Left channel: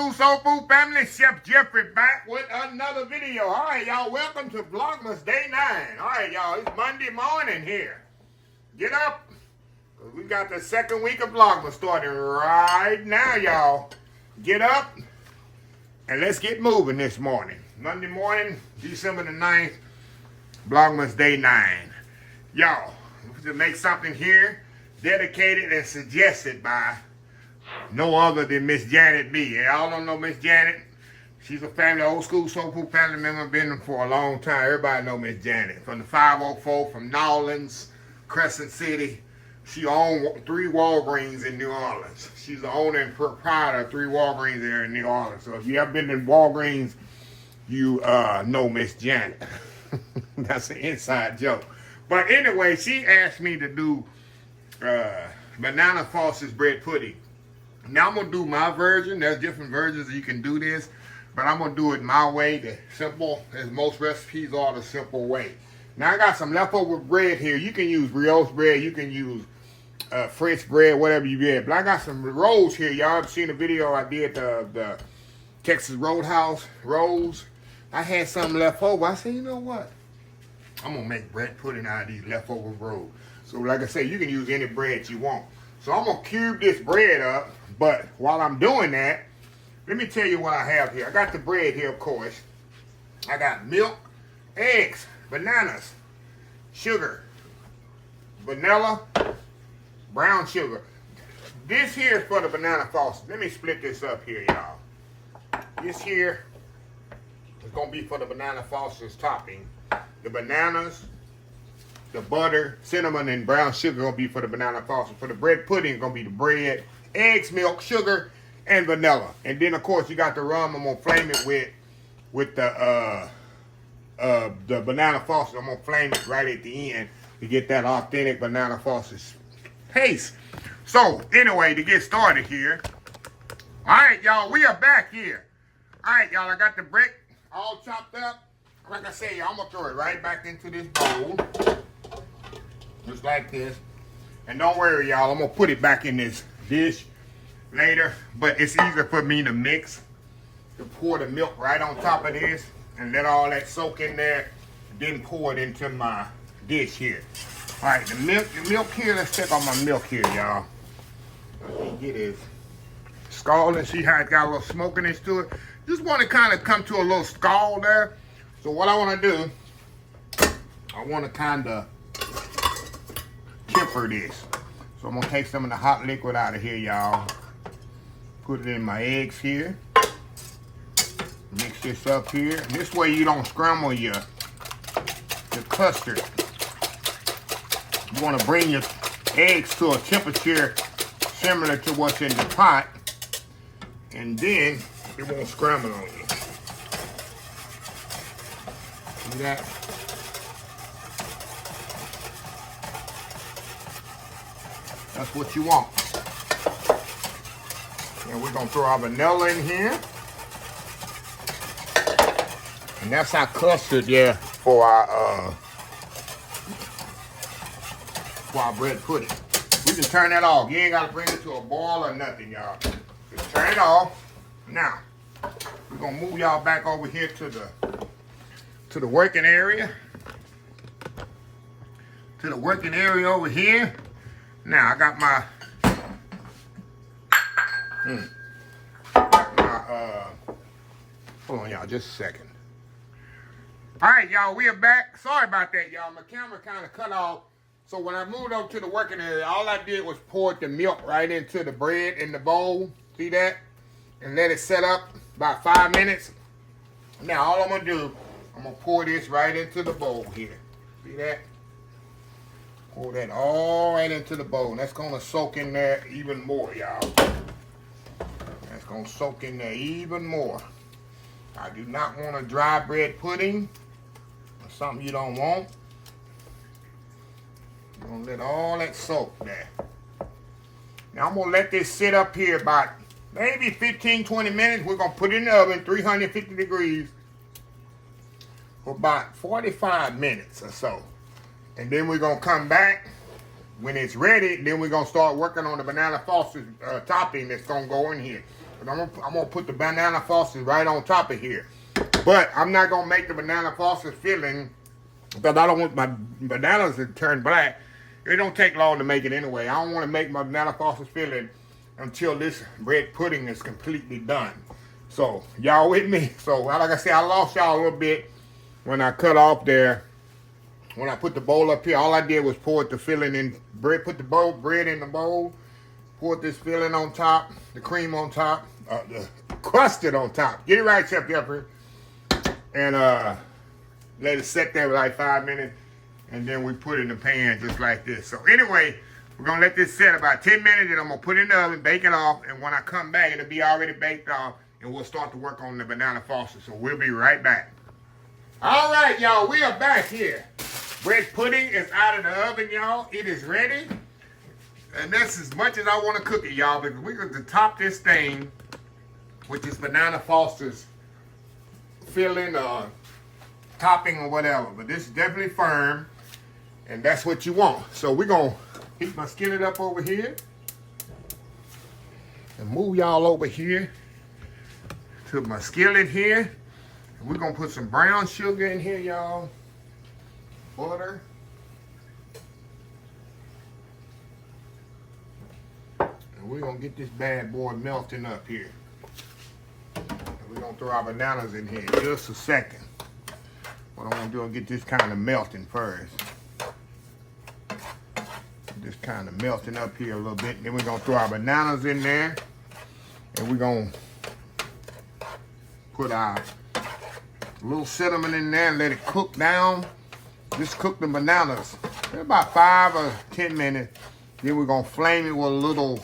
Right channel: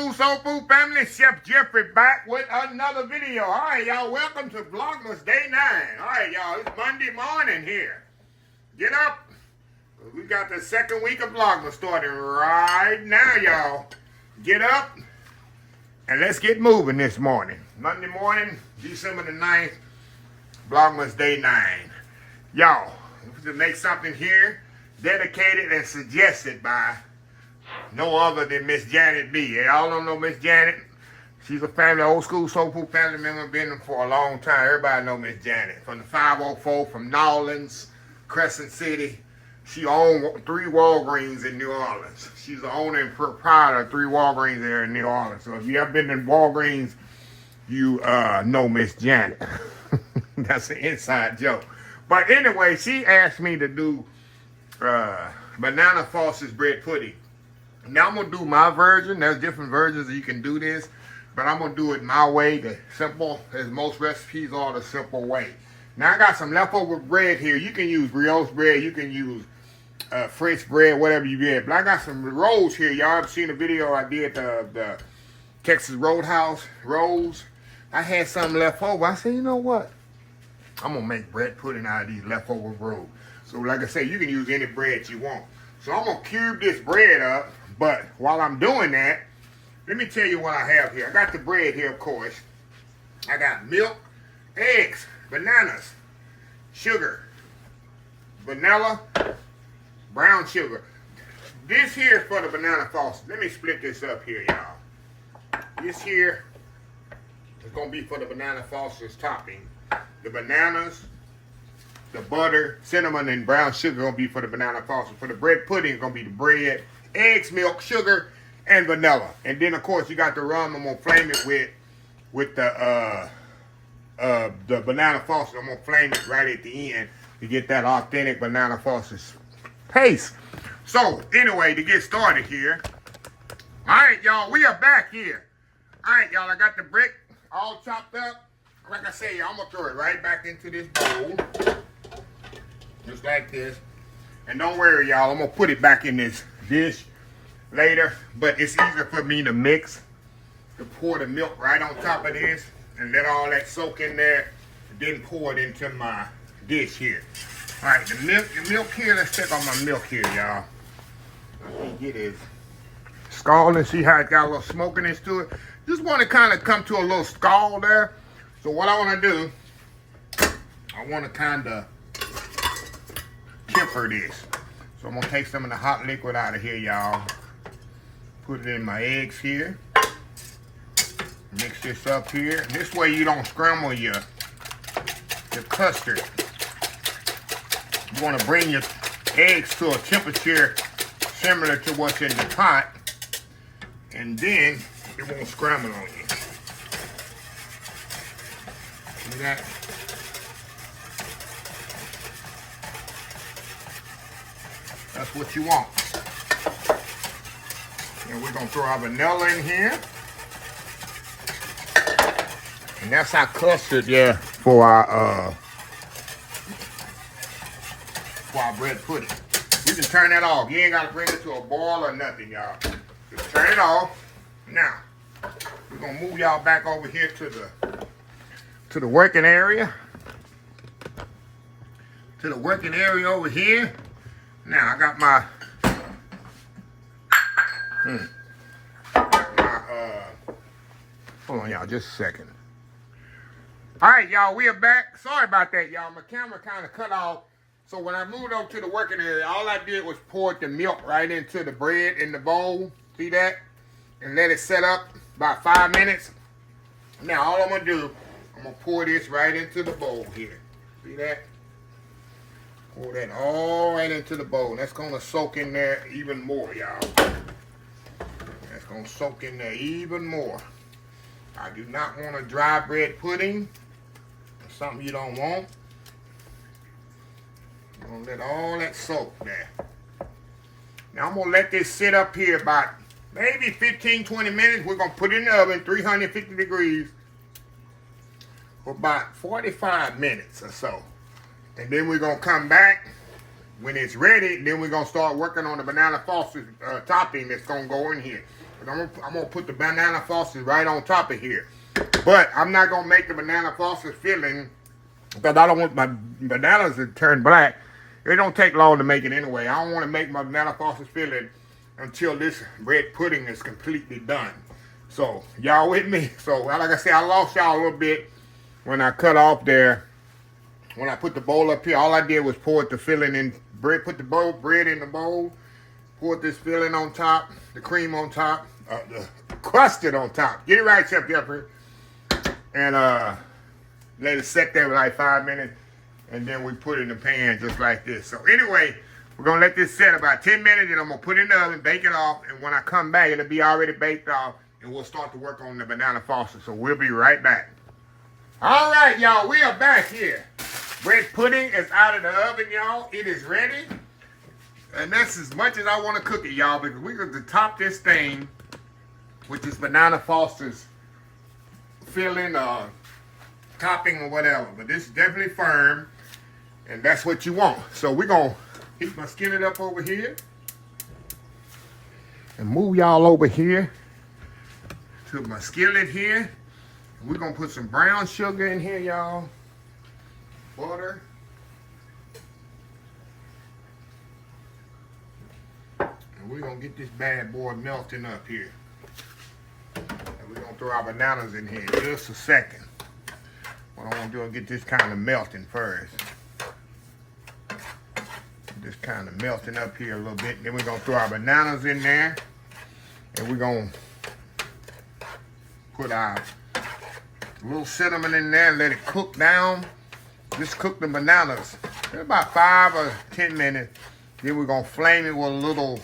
school soul food family, Chef Jeffrey back with another video. All right, y'all, welcome to Vlogmas Day 9. All right, y'all, it's Monday morning here. Get up. We got the second week of Vlogmas starting right now, y'all. Get up and let's get moving this morning. Monday morning, December the 9th, Vlogmas Day 9. Y'all, to make something here dedicated and suggested by no other than Miss Janet B. Y'all don't know Miss Janet. She's a family, old school soul food family member, been for a long time. Everybody know Miss Janet. From the 504, from Nolans, Crescent City. She owned 3 Walgreens in New Orleans. She's the owner and proprietor of 3 Walgreens there in New Orleans. So if you ever been to Walgreens, you know Miss Janet. That's an inside joke. But anyway, she asked me to do banana Foster's bread pudding. Now I'm going to do my version. There's different versions that you can do this. But I'm going to do it my way. The simple, as most recipes are, the simple way. Now I got some leftover bread here. You can use brioche bread. You can use French bread, whatever you get. But I got some rolls here. Y'all have seen the video I did, the Texas Roadhouse rolls. I had some left over. I said, you know what? I'm going to make bread pudding out of these leftover rolls. So like I said, you can use any bread you want. So I'm going to cube this bread up. But while I'm doing that, let me tell you what I have here. I got the bread here, of course. I got milk, eggs, bananas, sugar, vanilla, brown sugar. This here is for the banana Foster. Let me split this up here, y'all. This here is going to be for the banana Foster's topping. The bananas, the butter, cinnamon, and brown sugar going to be for the banana Foster. For the bread pudding, it's going to be the bread, eggs, milk, sugar, and vanilla. And then, of course, you got the rum. I'm going to flame it with the banana Foster. I'm going to flame it right at the end to get that authentic banana Foster's taste. So, anyway, to get started here. All right, y'all, we are back here. All right, y'all, I got the brick all chopped up. Like I say, y'all, I'm going to throw it right back into this bowl. Just like this. And don't worry, y'all, I'm going to put it back in this dish later, but it's easier for me to mix, to pour the milk right on top of this and let all that soak in there, then pour it into my dish here. All right, the milk here, let's check on my milk here, y'all. Get it scalding, see how it got a little smokiness to it? Just want to kind of come to a little scald there. So what I want to do, I want to kind of temper this. So I'm going to take some of the hot liquid out of here, y'all. Put it in my eggs here. Mix this up here. And this way you don't scramble your custard. You want to bring your eggs to a temperature similar to what's in the pot. And then it won't scramble on you. See that? That's what you want. And we're going to throw our vanilla in here. And that's our custard there for our bread pudding. We can turn that off. You ain't got to bring it to a boil or nothing, y'all. Just turn it off. Now, we're going to move y'all back over here to the working area. To the working area over here. Now, I got my, hold on, y'all, just a second. All right, y'all, we are back. Sorry about that, y'all. My camera kind of cut off. So when I moved over to the working area, all I did was pour the milk right into the bread in the bowl. See that? And let it set up about 5 minutes. Now, all I'm going to do, I'm going to pour this right into the bowl here. See that? Pour that all right into the bowl. That's going to soak in there even more, y'all. That's going to soak in there even more. I do not want a dry bread pudding. Or something you don't want. I'm going to let all that soak there. Now I'm going to let this sit up here about maybe 15, 20 minutes. We're going to put it in the oven, 350 degrees, for about 45 minutes or so. And then we're going to come back when it's ready. Then we're going to start working on the banana Foster's topping that's going to go in here. I'm gonna put the banana Foster's right on top of here. But I'm not gonna make the banana Foster's filling because I don't want my bananas to turn black. It don't take long to make it anyway. I don't want to make my banana Foster's filling until this bread pudding is completely done. So y'all with me? So like I said, I lost y'all a little bit when I cut off there. When I put the bowl up here, all I did was pour the filling in bread, put the bread in the bowl, pour this filling on top, the cream on top, the custard on top. Get it right, Chef Jeffrey. And let it set there for like 5 minutes. And then we put it in the pan just like this. So anyway, we're going to let this set about 10 minutes. And I'm going to put it in the oven, bake it off. And when I come back, it'll be already baked off. And we'll start to work on the banana Foster. So we'll be right back. All right, y'all. We are back here. Bread pudding is out of the oven, y'all. It is ready. And that's as much as I want to cook it, y'all. Because we're going to top this thing with this banana Foster's filling topping or whatever. But this is definitely firm. And that's what you want. So we're going to heat my skillet up over here. And move y'all over here to my skillet here. And we're going to put some brown sugar in here, y'all. Butter. And we're going to get this bad boy melting up here. And we're going to throw our bananas in here in just a second. What I want to do is get this kind of melting first. Just kind of melting up here a little bit. And then we're going to throw our bananas in there. And we're going to put our little cinnamon in there and let it cook down. Just cook the bananas for about 5 or 10 minutes. Then we're gonna flame it with a little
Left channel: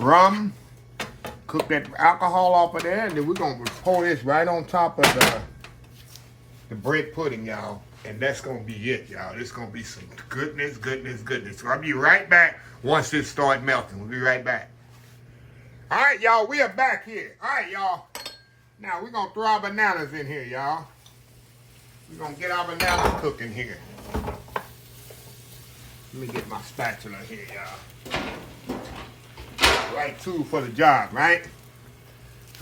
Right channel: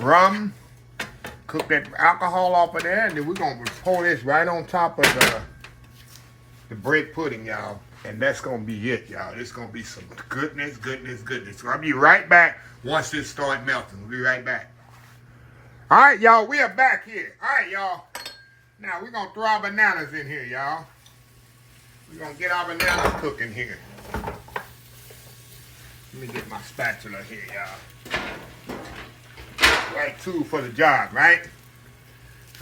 rum. Cook that alcohol off of there, and then we're gonna pour this right on top of the bread pudding, y'all. And that's gonna be it, y'all. This gonna be some goodness, goodness, goodness. So I'll be right back once this starts melting. We'll be right back. All right, y'all, we are back here. All right, y'all. Now, we're going to throw our bananas in here, y'all. We're going to get our bananas cooking here. Let me get my spatula here, y'all. Right tool for the job, right?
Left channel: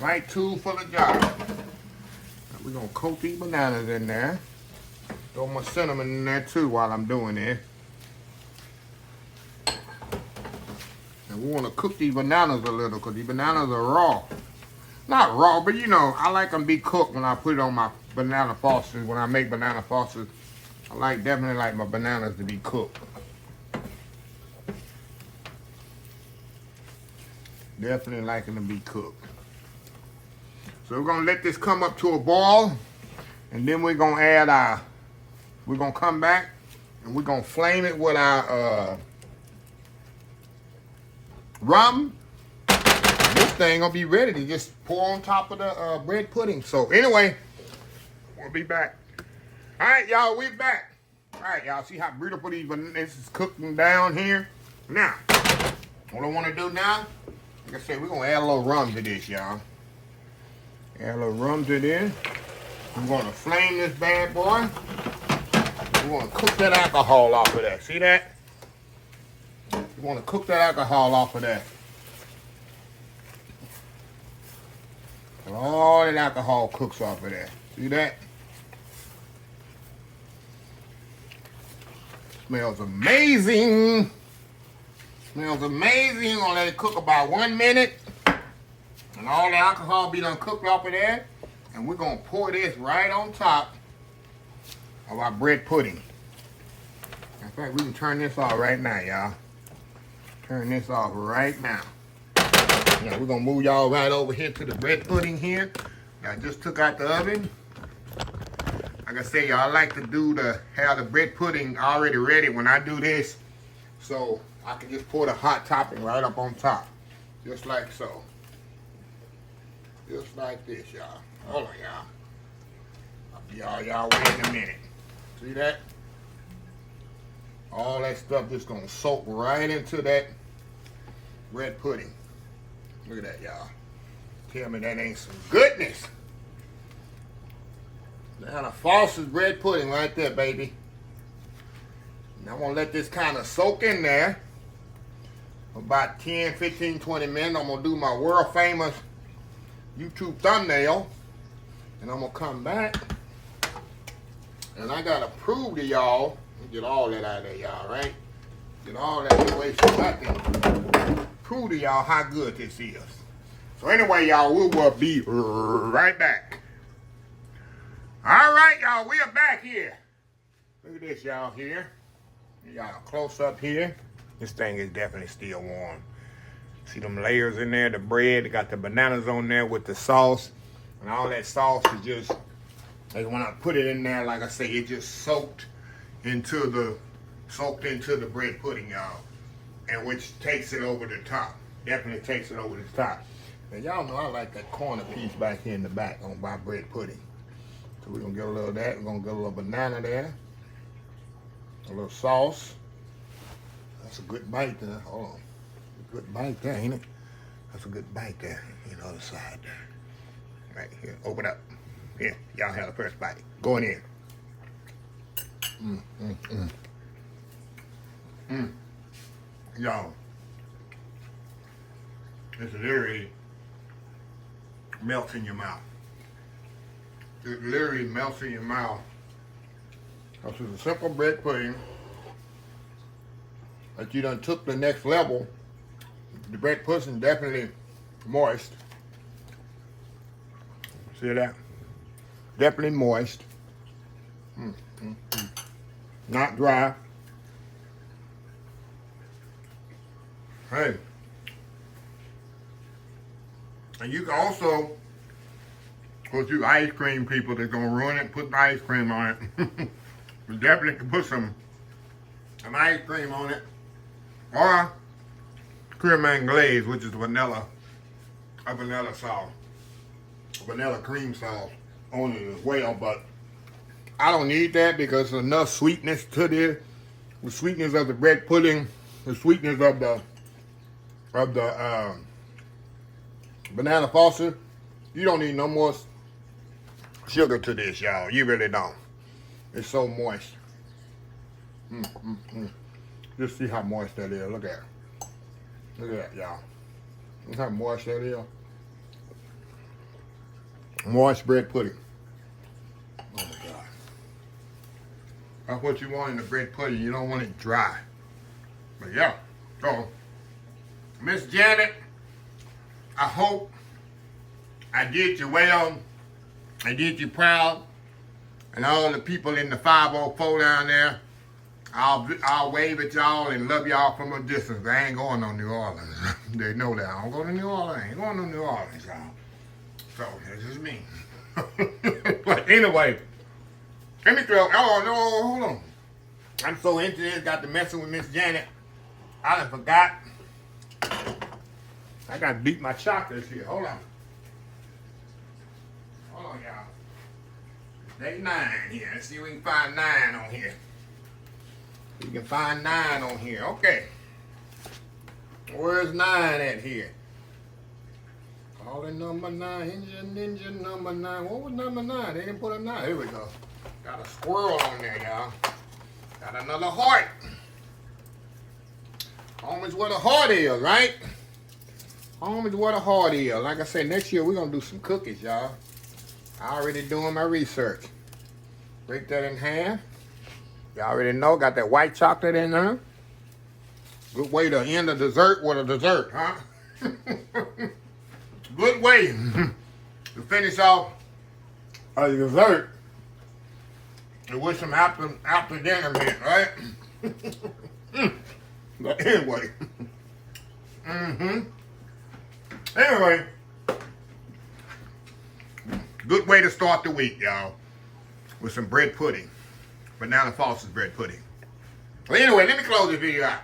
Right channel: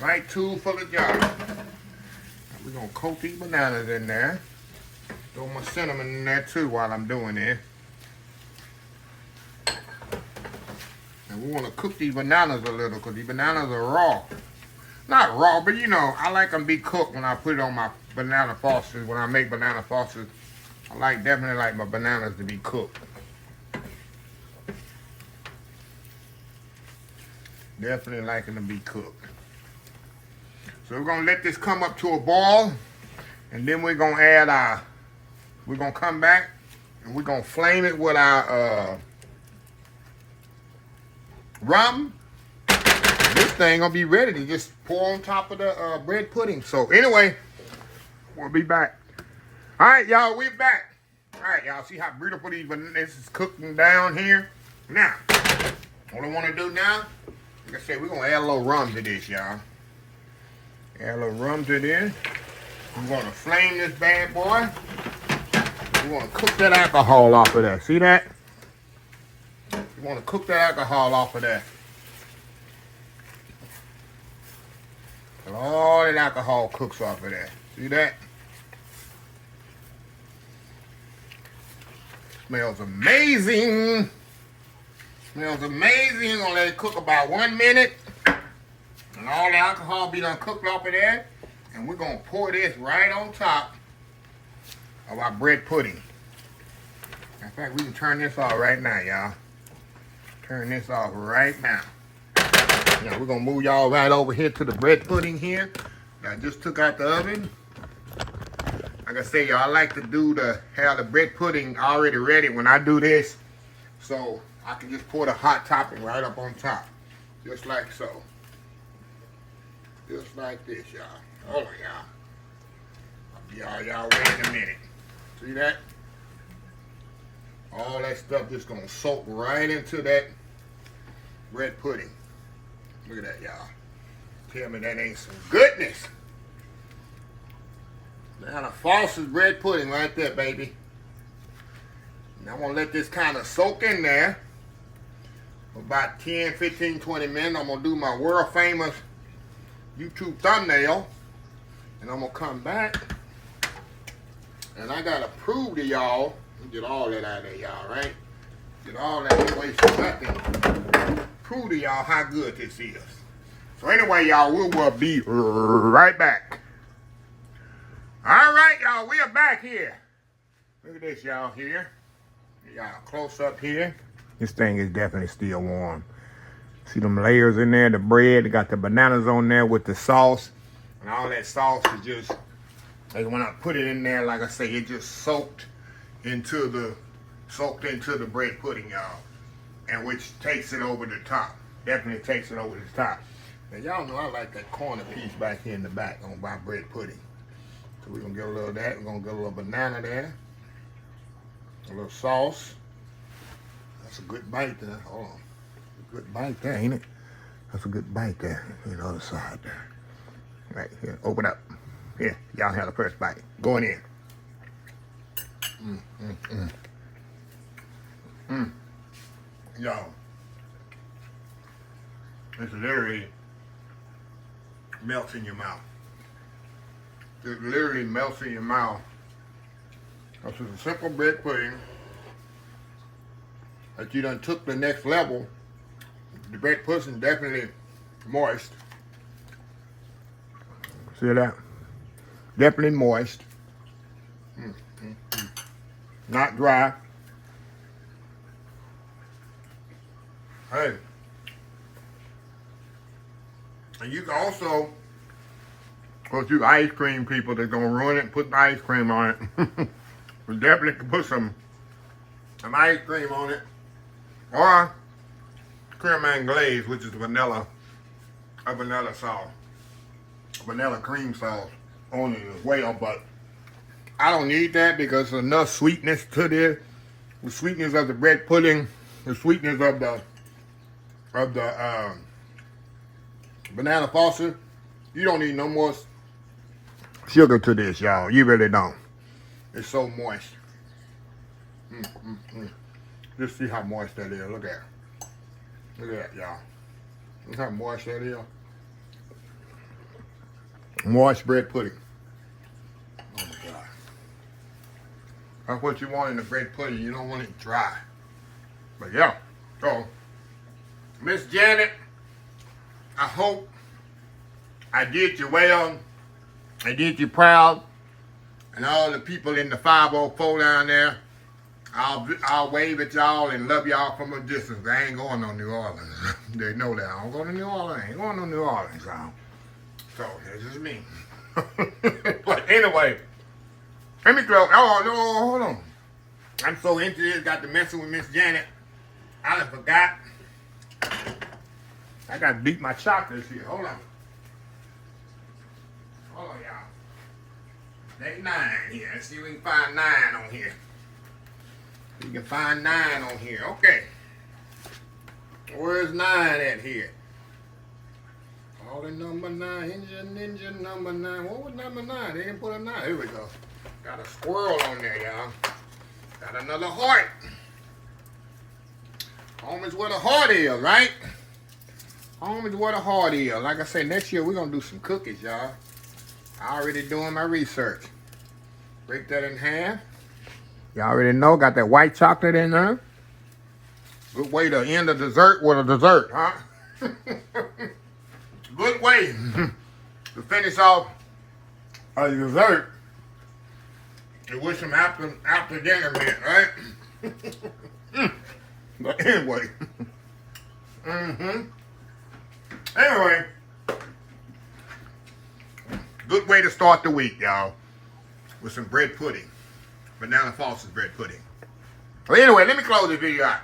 Right tool for the job. Now, we're going to coat these bananas in there. Throw my cinnamon in there, too, while I'm doing it. And we want to cook these bananas a little because these bananas are raw. Not raw, but you know, I like them to be cooked when I put it on my banana Fosters. When I make banana Fosters, I definitely like my bananas to be cooked. Definitely like them to be cooked. So we're going to let this come up to a boil. And then we're going to add we're going to come back and we're going to flame it with our rum. This thing gonna be ready to just pour on top of the bread pudding. So anyway, we'll be back. All right, y'all, we're back. All right, y'all, see how beautiful this is cooking down here? Now, what I want to do now, like I said, we're gonna add a little rum to this, y'all. Add a little rum to this. We're gonna flame this bad boy. We're gonna cook that alcohol off of that. See that? We want to cook that alcohol off of that. And all that alcohol cooks off of that. See that? Smells amazing. Smells amazing. I'm gonna let it cook about 1 minute. And all the alcohol be done cooked off of that. And we're gonna pour this right on top of our bread pudding. In fact, we can turn this off right now, y'all. Turn this off right now. Now we're gonna move y'all right over here to the bread pudding here. I just took out the oven. Like I say, y'all, I like to have the bread pudding already ready when I do this, so I can just pour the hot topping right up on top, just like so. Just like this, y'all. Hold on, y'all. I'll be y'all wait in a minute. See that? All that stuff just gonna soak right into that bread pudding. Look at that, y'all. Tell me that ain't some goodness. Now the Foster's bread pudding right there, baby. Now I'm gonna let this kind of soak in there. about 10, 15, 20 minutes. I'm gonna do my world famous YouTube thumbnail. And I'm gonna come back. And I gotta prove to y'all, get all that out of there, y'all, right? Get all that away so I can prove to y'all how good this is. So anyway, y'all, we will be right back. All right, y'all, we are back here. Look at this, y'all, here. Y'all close up here. This thing is definitely still warm. See them layers in there, the bread. They got the bananas on there with the sauce. And all that sauce is just, like when I put it in there, like I say, it just soaked into the bread pudding, y'all. And which takes it over the top. Definitely takes it over the top. Now, y'all know I like that corner piece back here in the back on my bread pudding. So we're going to get a little of that. We're going to get a little banana there. A little sauce. That's a good bite there. Hold on. A good bite there, ain't it? That's a good bite there. On the other side there. Right here. Open up. Here. Y'all have the first bite. Going in. Y'all. It's literally melts in your mouth. It literally melts in your mouth. This is a simple bread pudding that you done took the next level. The bread pudding definitely moist. See that? Definitely moist. Not dry. Hey. And you can also, of you ice cream people that's gonna ruin it and put the ice cream on it. We definitely can put some ice cream on it. Or creme anglaise, which is a vanilla sauce. Vanilla cream sauce on it as well, but I don't need that because there's enough sweetness to this. The sweetness of the bread pudding, the sweetness of the banana foster. You don't need no more sugar to this, y'all. You really don't. It's so moist. Just see how moist that is. Look at it. Look at that, y'all. Look how moist that is. Moist bread pudding. Oh my God. That's what you want in the bread pudding. You don't want it dry. But yeah. So, Miss Janet, I hope I did you well. I did you proud. And all the people in the 504 down there, I'll wave at y'all and love y'all from a distance. I ain't going on New Orleans. They know that. I don't go to New Orleans. I ain't going to New Orleans, y'all. So, this is me. But anyway, let me throw, oh, no, hold on. I'm so into this, got to messing with Miss Janet. I done forgot. I got to beat my chocolates here. Hold on. Hold on, y'all. Day 9 here. Let's see if we can find 9 on here. We can find 9 on here. Okay. Where's 9 at here? Calling number 9. Ninja number 9. What was number 9? They didn't put a 9. Here we go. Got a squirrel on there, y'all. Got another heart. Home is where the heart is, right? Home is where the heart is. Like I said, next year we're going to do some cookies, y'all. I already doing my research. Break that in half. Y'all already know, got that white chocolate in there. Good way to end a dessert with a dessert, huh? Good way to finish off a dessert. And with some after dinner mint, right? But anyway. Anyway. Good way to start the week, y'all. With some bread pudding. Banana Foster's bread pudding. Well, anyway, let me close this video out.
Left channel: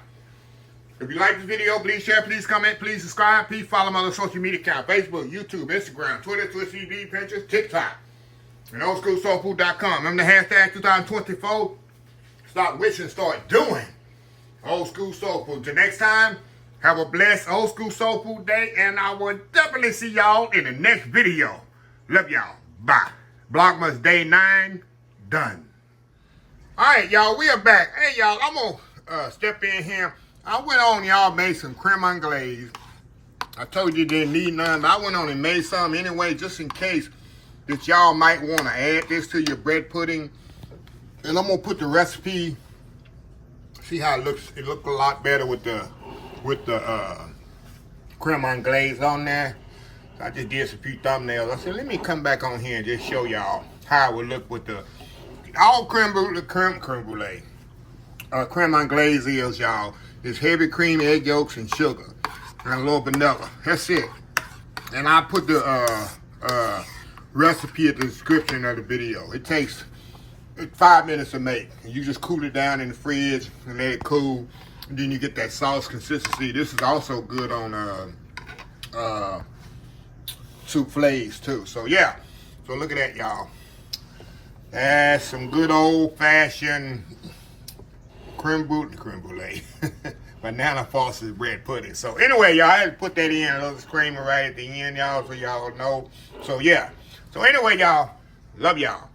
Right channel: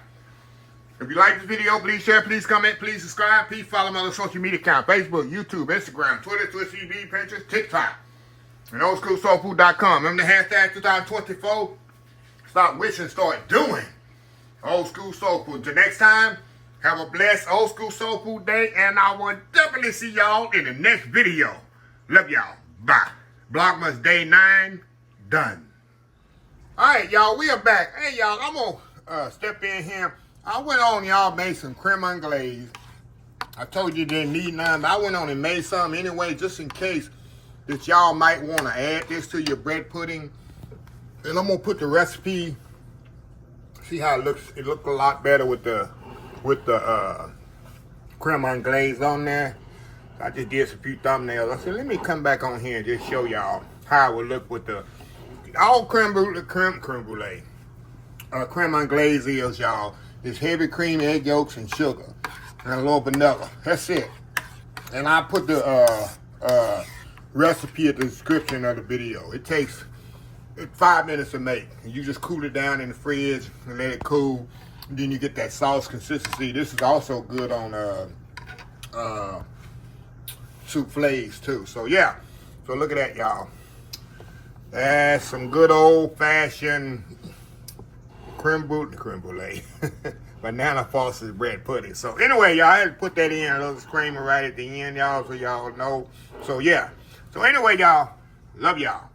If you like this video, please share, please comment, please subscribe. Please follow my other social media account. Facebook, YouTube, Instagram, Twitter, Twitch TV, Pinterest, TikTok. And oldschoolsoulfood.com. Remember the hashtag 2024? Stop wishing, start doing. Old School Soul Food. Till next time, have a blessed Old School Soul Food day. And I will definitely see y'all in the next video. Love y'all. Bye. Vlogmas Day 9. Done. All right, y'all. We are back. Hey, y'all. I'm going to step in here I went on, y'all, made some creme anglaise. I told you didn't need none, but I went on and made some anyway, just in case that y'all might want to add this to your bread pudding. And I'm gonna put the recipe. See how it looks? It looks a lot better with the creme anglaise on there. I just did some few thumbnails. I said, let me come back on here and just show y'all how it would look with the all creme anglaise is, y'all. It's heavy cream, egg yolks, and sugar, and a little vanilla. That's it. And I put the recipe at the description of the video. It takes 5 minutes to make. And you just cool it down in the fridge and let it cool. And then you get that sauce consistency. This is also good on soufflés too. So yeah. So look at that, y'all. And some good old-fashioned creme brulee. Banana Foster's bread pudding. So anyway, y'all, I had to put that in, a little disclaimer right at the end, y'all, so y'all know. So yeah. So anyway, y'all, love y'all.